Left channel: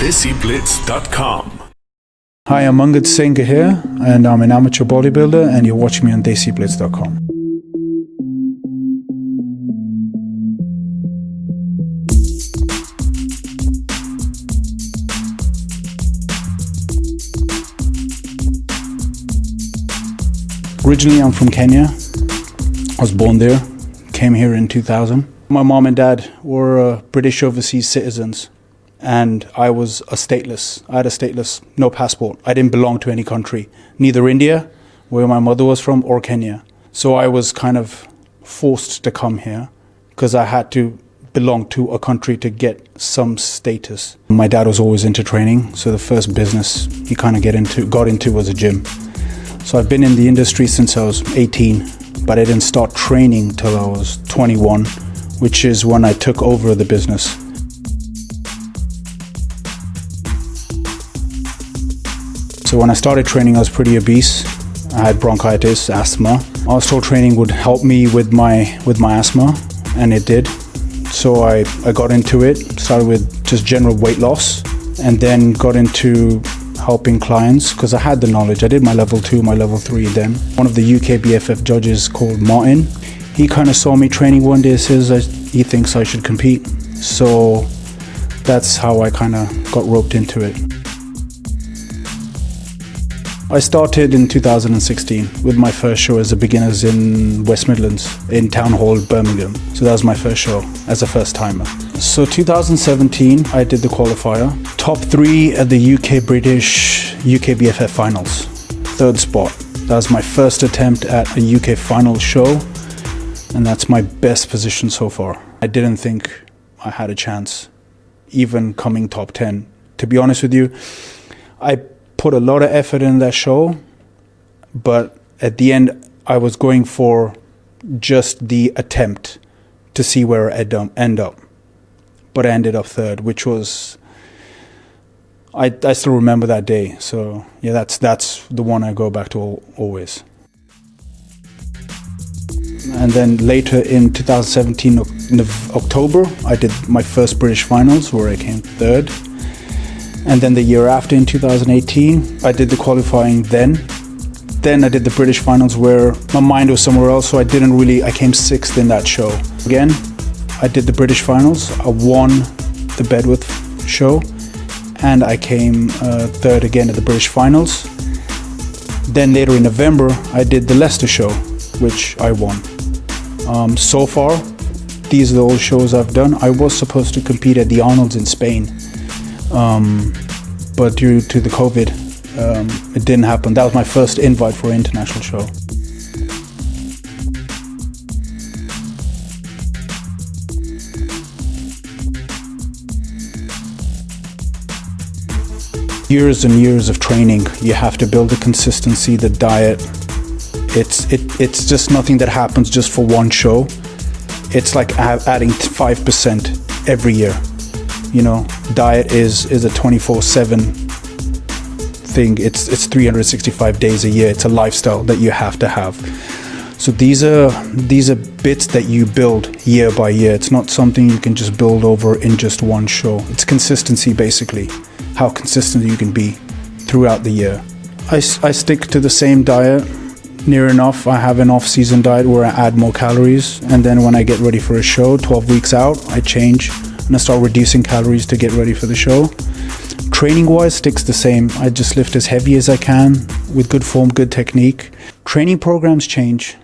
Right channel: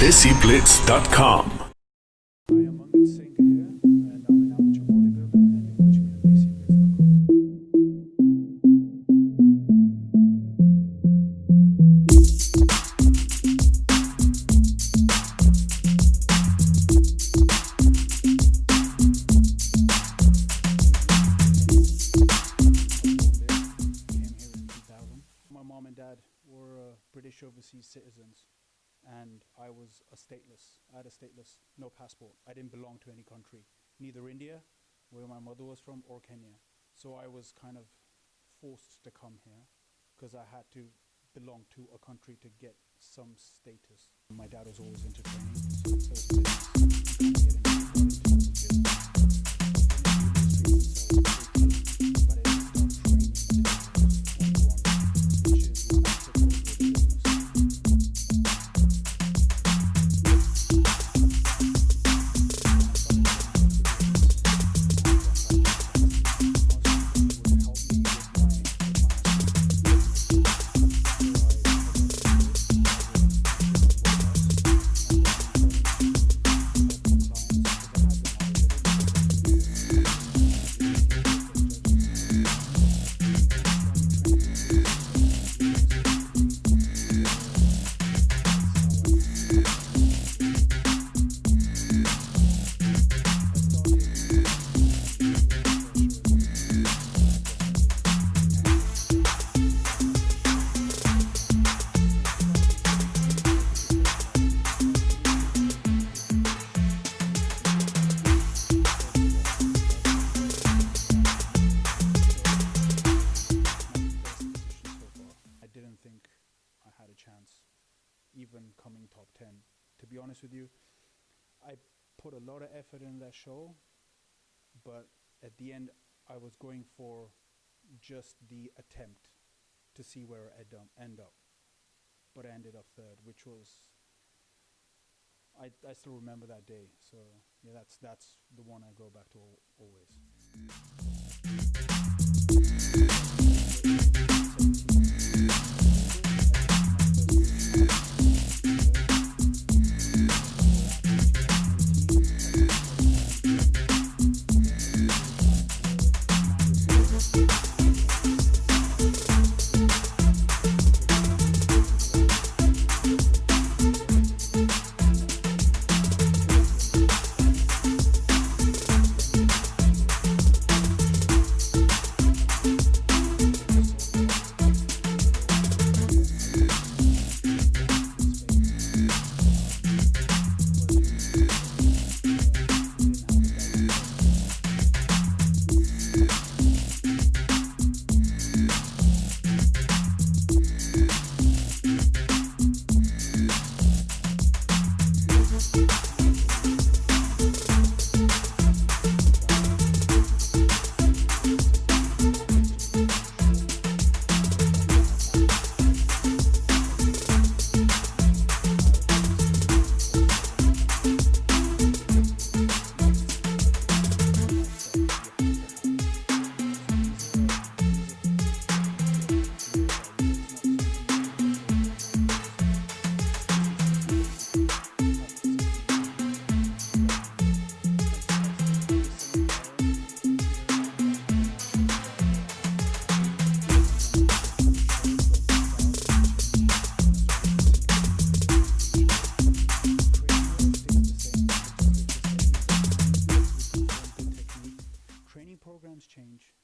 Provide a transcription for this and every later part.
DESIblitz.com. Hi, I'm Angad Singh Gahir, and I'm an amateur bodybuilder, and you're watching me on DESIblitz.com. Originally, I'm from Kenya. I was born there, came here in 2000. My mom and dad were British overseas citizens, and I was a stateless. I had a stateless, no passport. I didn't belong to any country, neither India, where my mother was from, or Kenya. So I was kind of forced to come here because I had to belong to a country to get some status. My dad was always into training, so the first business he kind of got into was a gym. So I've been in the industry since I was 18, but I didn't start training till I was 21, which is when I took over the business. So when I started training, I was pretty obese. I had bronchitis, asthma. I was told training would help me with my asthma, and it did. So I got into it, started with just general weight loss, and then got into helping clients because I had the knowledge. I did my level 2, my level 3 then. One of the UKBFF judges called Martin, he kind of saw me training one day, says that he thinks I should compete. So that's how I kind of got roped into it. I started in 2016 with my first show as a beginners in West Midlands, in Town Hall, Birmingham. So that was my first show as a first timer. So 2017, I did the qualifier. Top 3 at the UK British UKBFF finals. 3rd spot. That was my first attempt at a UK final show, and that's my best position so far. I didn't think I had a chance, even coming top 10. To be honest with you, I put a lot of effort in that show, but at the end, I was going for just the attempt to see where I'd end up. But I ended up 3rd, which was, I still remember that day. So yeah, that's the one I go back to always. And then later in 2017, in October, I did my first British finals where I came 3rd. And then the year after, in 2018, I did the qualifying then. Then I did the British finals where my mind was somewhere else, so I came 6th in that show. Again, I did the British finals, I won the Bedworth show, and I came 3rd again at the British finals. Then later in November, I did the Leicester show, which I won. So far, these are the all shows I've done. I was supposed to compete at the Arnold's in Spain, but due to the COVID, it didn't happen. That was my first invite for an international show. Years and years of training. You have to build the consistency, the diet. It's just nothing that happens just for one show. It's like adding 5% every year. You know, diet is a 24/7 thing. It's 365 days a year. It's a lifestyle that you have to have. So these are bits that you build year by year. It's not something you can just build over in just one show. It's consistency, basically, how consistent you can be throughout the year. I stick to the same diet near enough. I have an off-season diet where I add more calories, and then when I get ready for a show, 12 weeks out, I change and I start reducing calories to get ready for the show. Training-wise, sticks the same. I just lift as heavy as I can with good form, good technique. Training programs change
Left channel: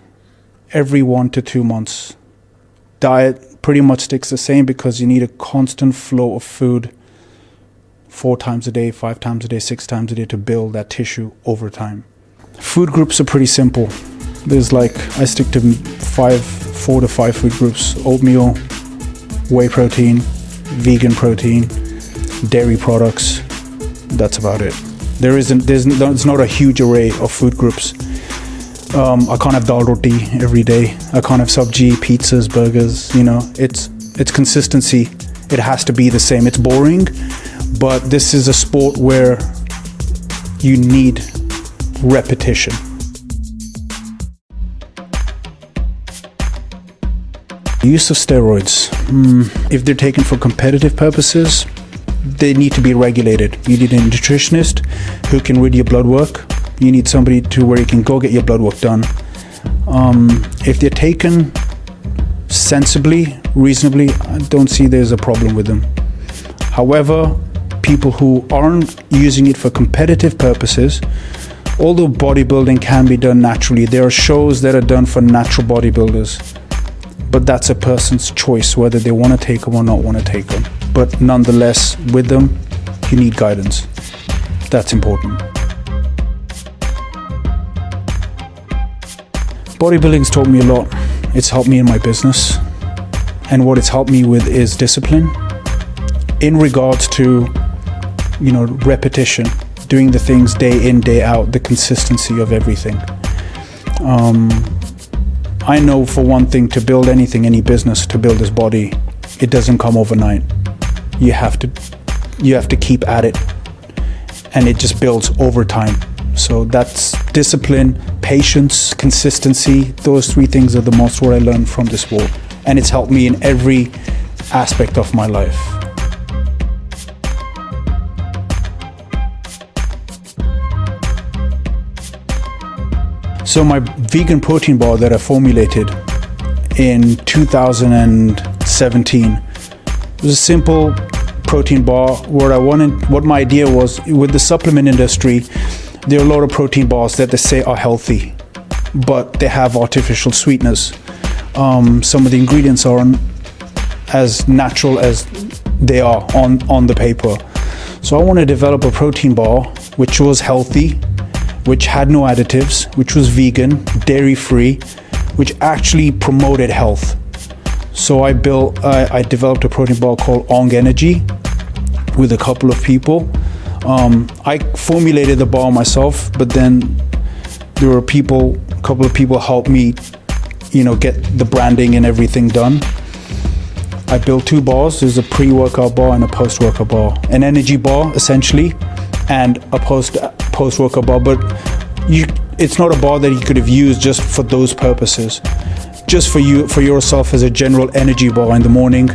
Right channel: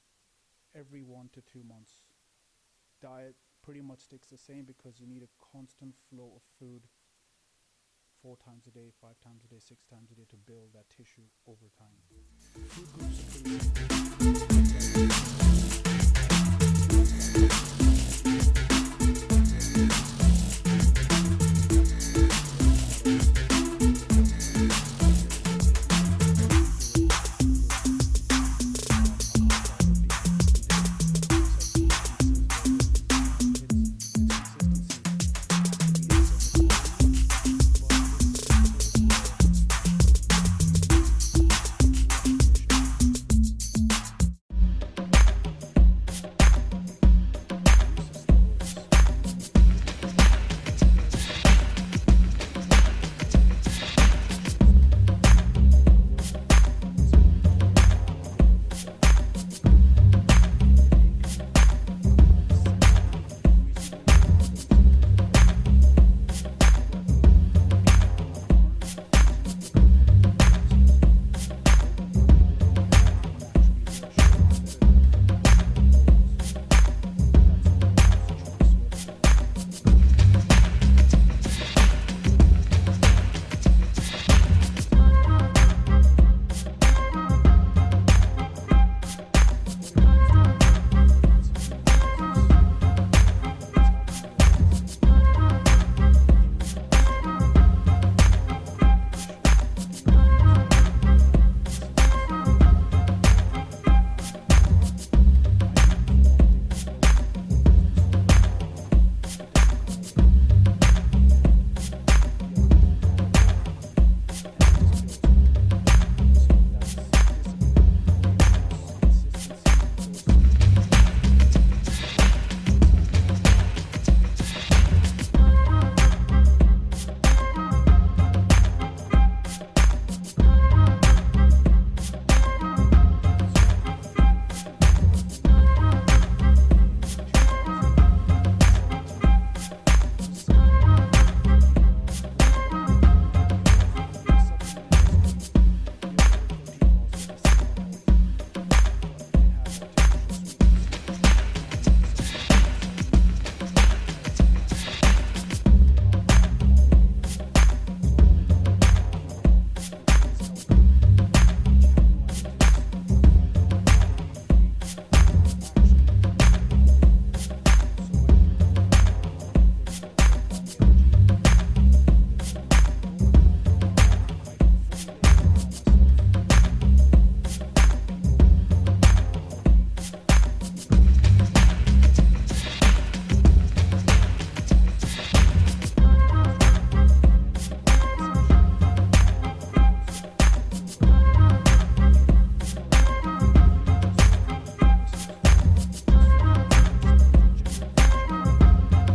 every 1 to 2 months. Diet pretty much sticks the same because you need a constant flow of food 4 times a day, 5 times a day, 6 times a day to build that tissue over time. Food groups are pretty simple. There's I stick to 4 to 5 food groups: oatmeal, whey protein, vegan protein, dairy products. That's about it. There's not a huge array of food groups. I can't have dal roti every day. I can't have sabji, pizzas, burgers. You know, it's consistency. It has to be the same. It's boring, but this is a sport where you need repetition. The use of steroids, if they're taken for competitive purposes, they need to be regulated. You need a nutritionist who can read your blood work. You need somebody where you can go get your blood work done. If they're taken sensibly, reasonably, I don't see there's a problem with them. However, people who aren't using it for competitive purposes, although bodybuilding can be done naturally, there are shows that are done for natural bodybuilders, but that's a person's choice whether they want to take them or not want to take them. But nonetheless, with them, you need guidance. That's important. Bodybuilding's taught me a lot. It's helped me in my business. And what it's helped me with is discipline in regards to, repetition, doing the things day in, day out, the consistency of everything. I know for one thing, to build anything, any business, to build this body, it doesn't come overnight. You have to keep at it, and it just builds over time. So that's discipline, patience, consistency. Those three things are the most what I learned from this sport. And it's helped me in every aspect of my life. So my vegan protein bar that I formulated in 2017 was a simple protein bar. What my idea was, with the supplement industry, there are a lot of protein bars that they say are healthy, but they have artificial sweeteners. Some of the ingredients aren't as natural as they are on the paper. So I want to develop a protein bar which was healthy, which had no additives, which was vegan, dairy-free, which actually promoted health. So I developed a protein bar called Ong Energy with a couple of people. I formulated the bar myself, but then there were a couple of people helped me, get the branding and everything done. I built two bars. There's a pre-workout bar and a post-workout bar. An energy bar, essentially, and a post-workout bar, but it's not a bar that you could have used just for those purposes. Just for yourself as a general energy bar in the morning,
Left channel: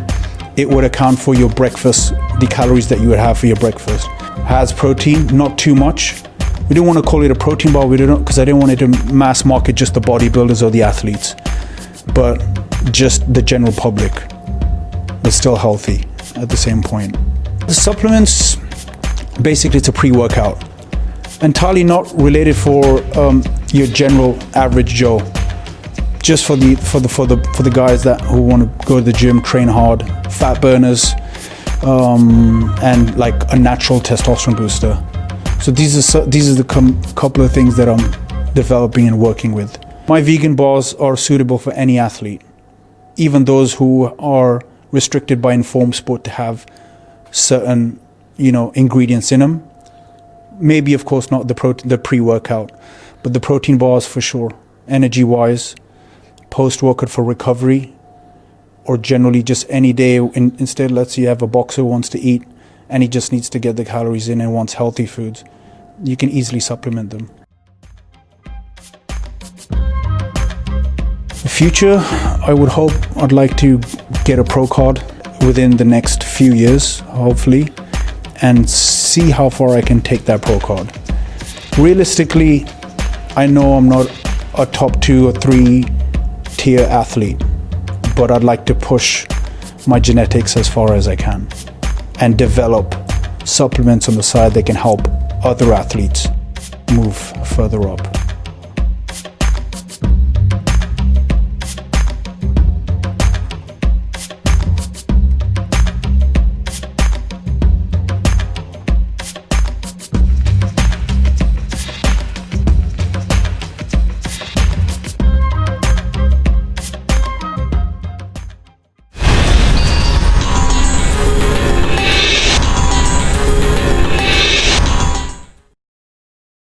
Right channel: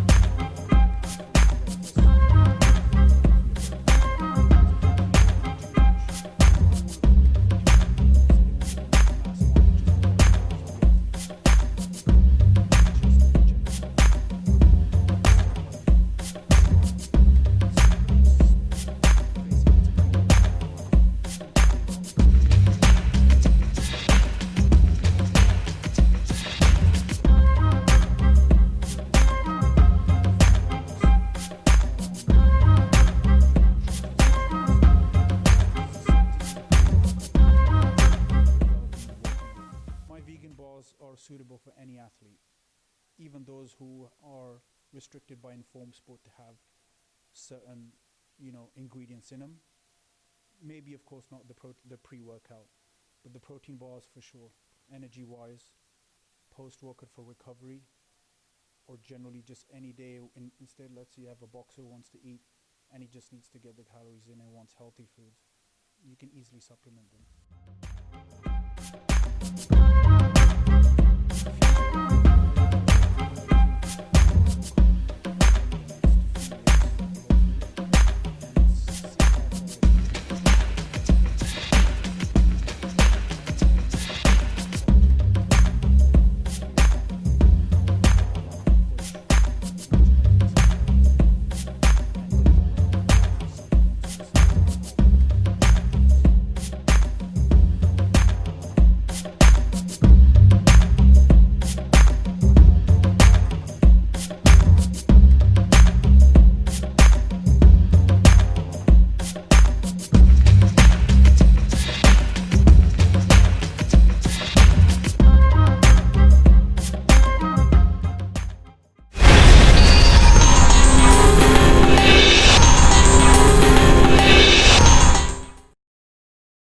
it would account for your breakfast, the calories that you would have for your breakfast. Has protein, not too much. We didn't want to call it a protein bar, because I didn't want it to mass market just the bodybuilders or the athletes, but just the general public, but still healthy at the same point. The supplements, basically it's a pre-workout, entirely not related for your general average Joe, just for the guys who want to go to the gym, train hard, fat burners, and like a natural testosterone booster. So these are the couple of things that I'm developing and working with. My vegan bars are suitable for any athlete, even those who are restricted by Informed Sport to have certain, ingredients in them. Maybe, of course, not the pre-workout, but the protein bars for sure. Energy-wise, post-workout for recovery, or generally just any day. Instead, let's say you have a boxer who wants to eat and he just needs to get the calories in and wants healthy foods. You can easily supplement them. The future, I'd like to get a pro card within the next few years, hopefully, and see how far I can take that pro card. Realistically, I know I'm not a top 2 or 3 tier athlete, but I'd like to push my genetics as far as I can and develop supplements on the side that can help other athletes move further up.